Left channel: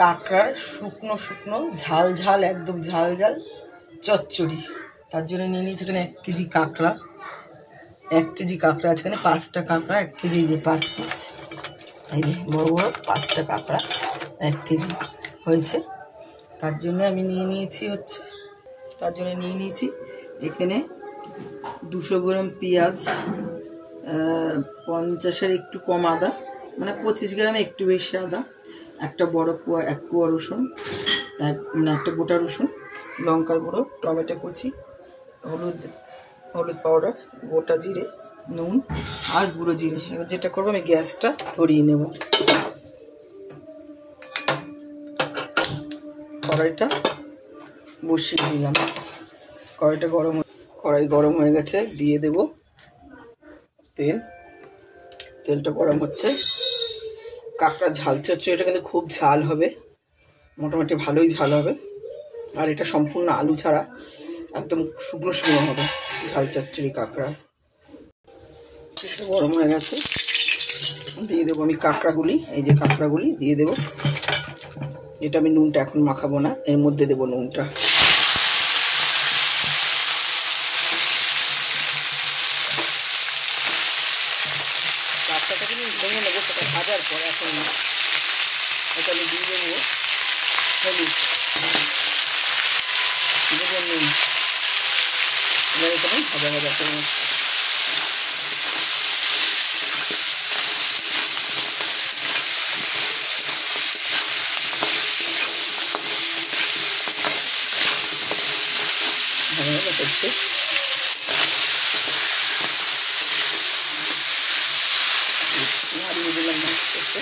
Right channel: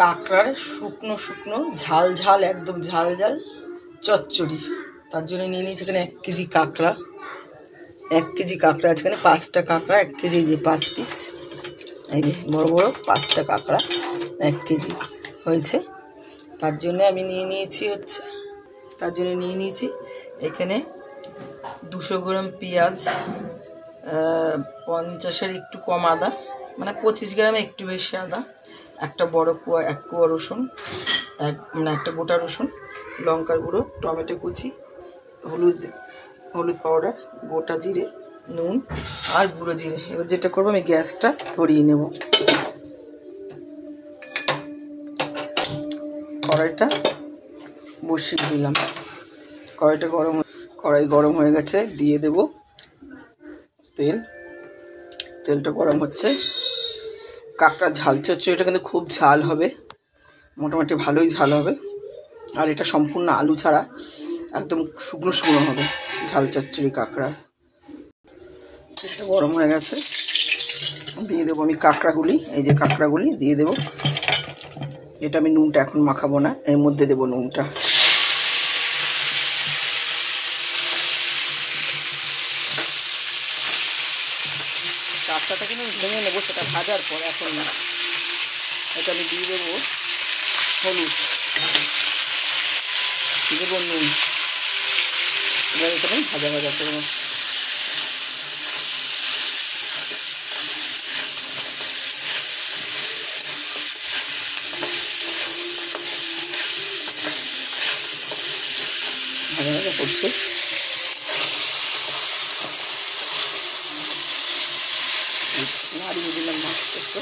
কাঁকড়ার শুকনো শুকনো ঝাল ঝাল একদম ঝাল ঝাল চচ্চড়ি। তার জন্য নিয়ে নিয়েছি এখানে 1 কেজি কাঁকড়া। 1 কেজি কাঁকড়া আছে এখানে, 5টা কাঁকড়া 1 কেজি, যে 5 পিস, এই যে বড় বড় 5টা কাঁকড়া 1 কেজি হয়েছে। তার জন্য আমি নিয়ে নিয়েছি এখানে 200 গ্রাম পেঁয়াজ, 50-এর একটু কম আদা, মানে 25 গ্রামে একটু বেশি আদা, একটা বড় এক কোয়া রসুন, মানে একটা গোটা রসুন, লঙ্কার গুঁড়ো, টমেটো কুচি, হলুদ পাউডার, গোটা জিরে, নুন আর গুঁড়ো জিরে। এবার যেটা করবো, আমি গ্যাসটা ধরিয়ে নেব। কড়াইটা বসিয়ে দিলাম। কড়াই গরম হয়ে গেছে, দিয়ে দেব তেলটা গরম হচ্ছে। কাঁকড়া ঝাল চচ্চড়ি, এটা কিন্তু খুব ঝাল হবে, মোটামুটি ভালোই ঝাল হবে। আর এটা সম্পূর্ণ আলু ছাড়া একদম শুকনো শুকনো হবে ঝাল চচ্চড়ি কাঁকড়া। তেলটা গরম হয়ে গেছে, দিয়ে দেবো আমি কাঁকড়াগুলি। এই যে কাঁকড়াগুলি দিয়ে দেবো। এটা আমি নুনটা এখন মাখাবো না, এর মধ্যে দেবো নুনটা। কাঁকড়াটা কিন্তু ভেঙে নেবো, সেটা ভাজার পর, এখন না। এটা আমি দিয়ে দেবো হলুদ, দেবো নুন। এবার এখানে ভাজা করবো। ভাজা করতে নাড়িয়ে দিলাম, মাছটাকে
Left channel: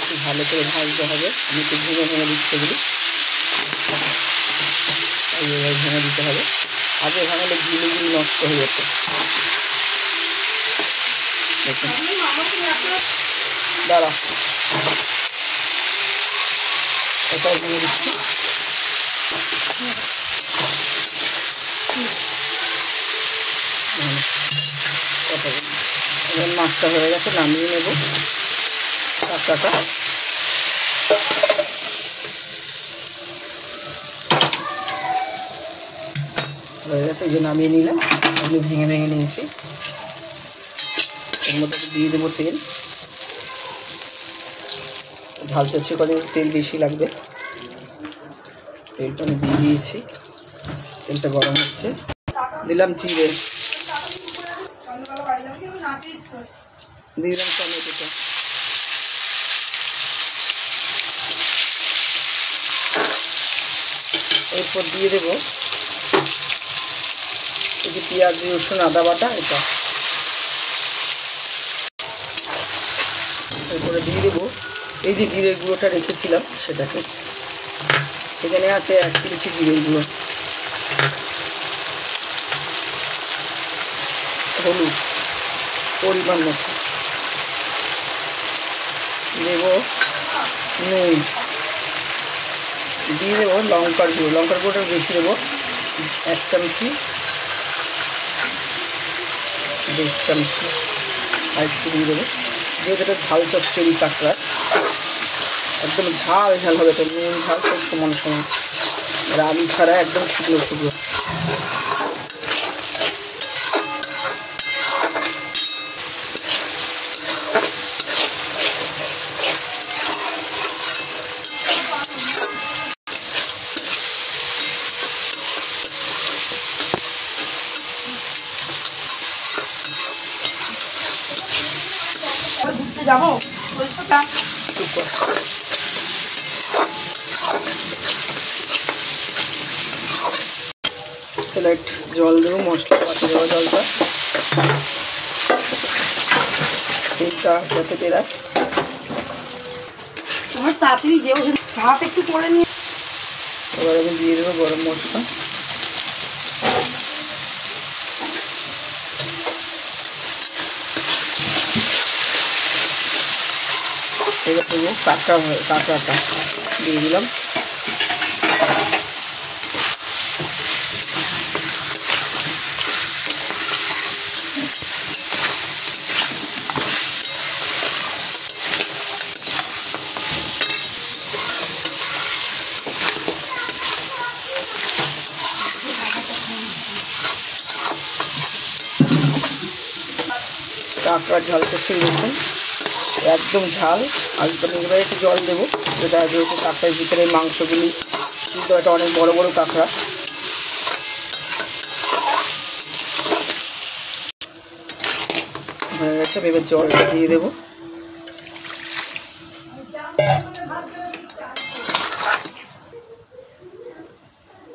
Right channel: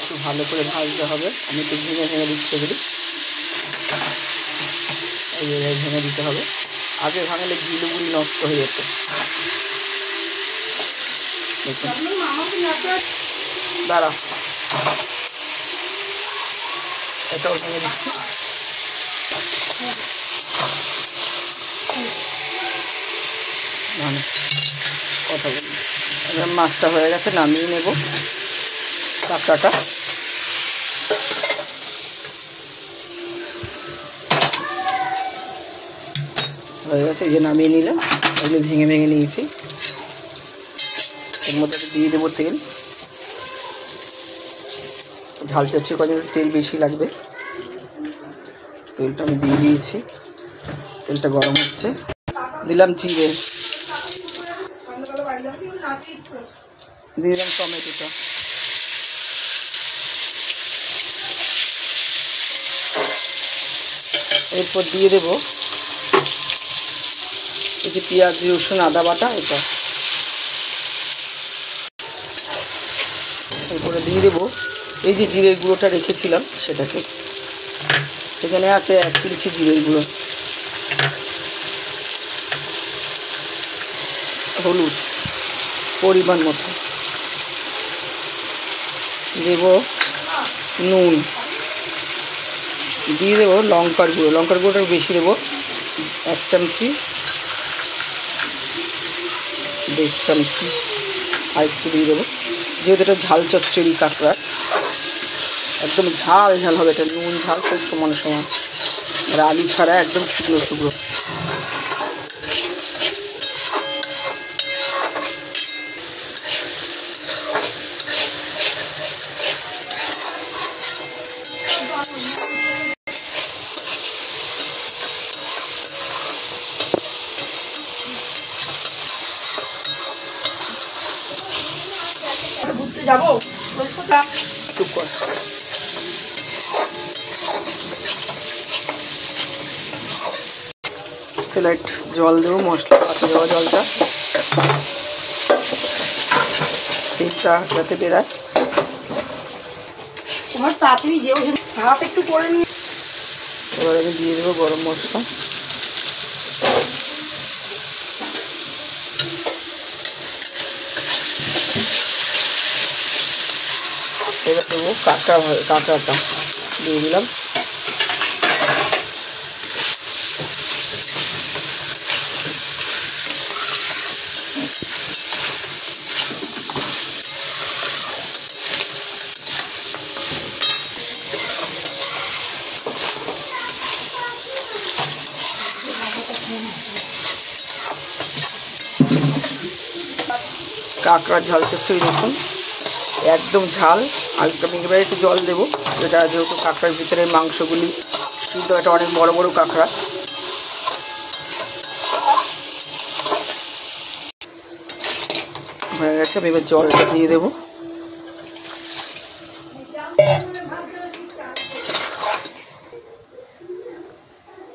একটু ভালো করে ভাজতে হবে। আমি একটু ভেঙে দিচ্ছি এগুলি, এইভাবে ভেঙে দিতে হবে। আগে ভাঙলে গিলুগুলি নষ্ট হয়ে যেত। দেখুন, দাঁড়া, এটাও ভেঙে দিচ্ছি। কথা বলি, এবার মাছটা হয়ে গেছে, নামিয়ে নেব কাঁকড়াটা। হয়ে গেছে, এই যে নামিয়ে নিলাম। এগুলো ভেঙে নিয়েছি। এর মধ্যে দিয়ে দেবো তেল। ঝাল চচ্চড়ি করে তেল বেশি লাগবে। তেলটা আমি দিয়ে দিয়েছি, তেলটা গরম হচ্ছে। দিলাম জিরে, দিয়ে দিলাম টমেটোটা, এরপর দিয়ে দেবো এই যে পেঁয়াজ, রসুন, আদা বাটা, এটা। এরপরে দিয়ে দেবো এই যে জিরের গুঁড়োটা রেখেছিলাম, সেটাকে। এখানে আছে 1 চিমটি জিরের গুঁড়ো, হলুদ পরিমাণ মতো, দেব নুন, দিয়ে দেবো লঙ্কার গুঁড়োটা বেশি দেবো, 1 চামচি, 1.5 চামচি আর একটু দিয়ে দেবো। যেহেতু এটা ঝাল চচ্চড়ি কাঁকড়া, একদম ঝাল ঝাল হবে এটা, নুন ঝাল সব সমান সমান। আর আলু ছাড়া একদম শুকনো শুকনো। স্লাইড জল দেবো, মশলা পাতি দেওয়া জলটা, তেলটা যাতে বেরায়। তোমার তাড়াতাড়ি যে ভাত একটু করে নিয়ে, এবার আমি দিয়ে দেবো গরম মশলা। এবার দেবো কাঁকড়াটা দিয়ে দিলাম। কাঁকড়ার ঝাল চচ্চড়ি দেখুন একদম ঝাল। আর আমি এবারে একটু জল দেবো, এটা যেহেতু কাঁকড়ার ভিতরে মাংসগুলি সিদ্ধ, এটা অনেক বড় বড় কাঁকড়া। হয়ে গেছে, আমি এবার জলটা দিয়ে দেবো।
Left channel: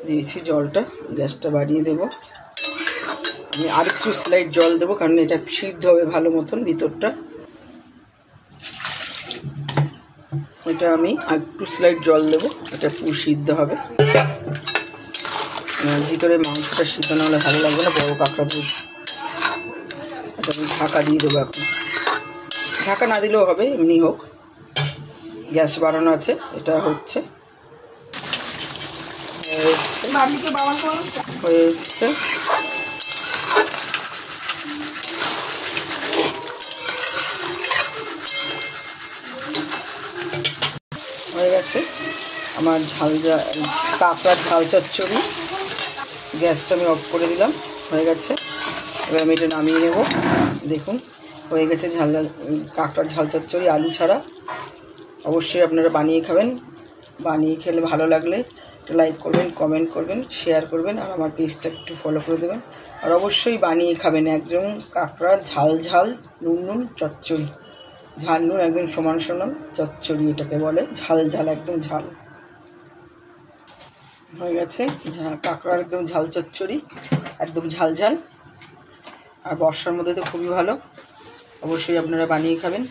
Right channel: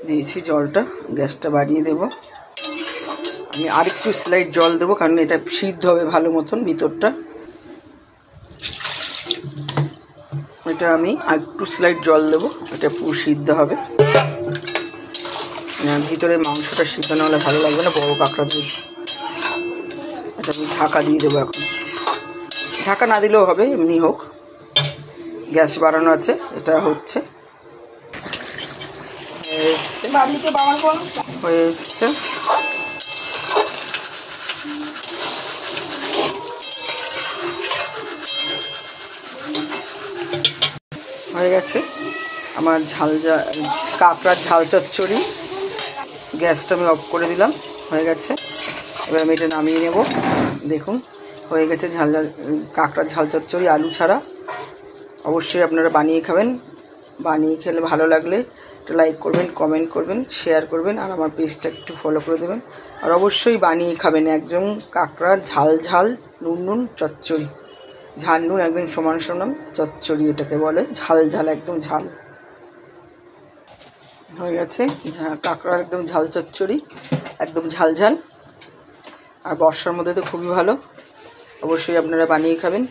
দিয়েছি জলটা, গ্যাসটা বাড়িয়ে দেবো। আমি আরেকটু স্লাইড জল দেবো, কারণ এটা সিদ্ধ হবে ভালো মতন ভিতরটা। এটা আমি আরেকটু স্লাইড জল দেবো, এটা পুরো সিদ্ধ হবে। ভিতরে মাংসটা সিদ্ধ না হলে ভালো লাগবে না, বড় কাঁকড়া দুধ। এটা আমি ঢাকা দিয়ে দেবো এখন। ঢাকা না দিলেও হবে, এমনি হোক। গ্যাস বাড়ানো আছে, এটা হচ্ছে হয়ে এসছে। হয়ে গেছে আমার কাঁকড়ার ঝাল চচ্চড়ি। গ্যাসটা আমি অফ করে দিলাম, হয়ে গেছে। এবার আমি এটা নামিয়ে নেব। দেখুন হয়ে গেছে কাঁকড়ার ঝাল চচ্চড়ি আলু ছাড়া। অবশ্যই আপনারা বানিয়ে খাবেন। বানিয়ে খেলে ভালো লাগলে একটা লাইক করবেন, কমেন্ট করবেন, শেয়ার করবেন, আর আমার পেজটা একটু ফলো করে দেবেন। আর অবশ্যই বানিয়ে খাবেন একদম কাঁকড়া ঝাল নুন চচ্চড়ি। ঝাল নুন একদম সমান সমান চচ্চড়ি এটাকে বলে, ঝাল একদম ঝাল। হয়ে গেছে কাঁকড়ার একদম ঝাল চচ্চড়ি, একদম ঝাল। আর বর্ষার মধ্যে তো খুবই ভালো, অবশ্যই আপনারা বানিয়ে খাবেন।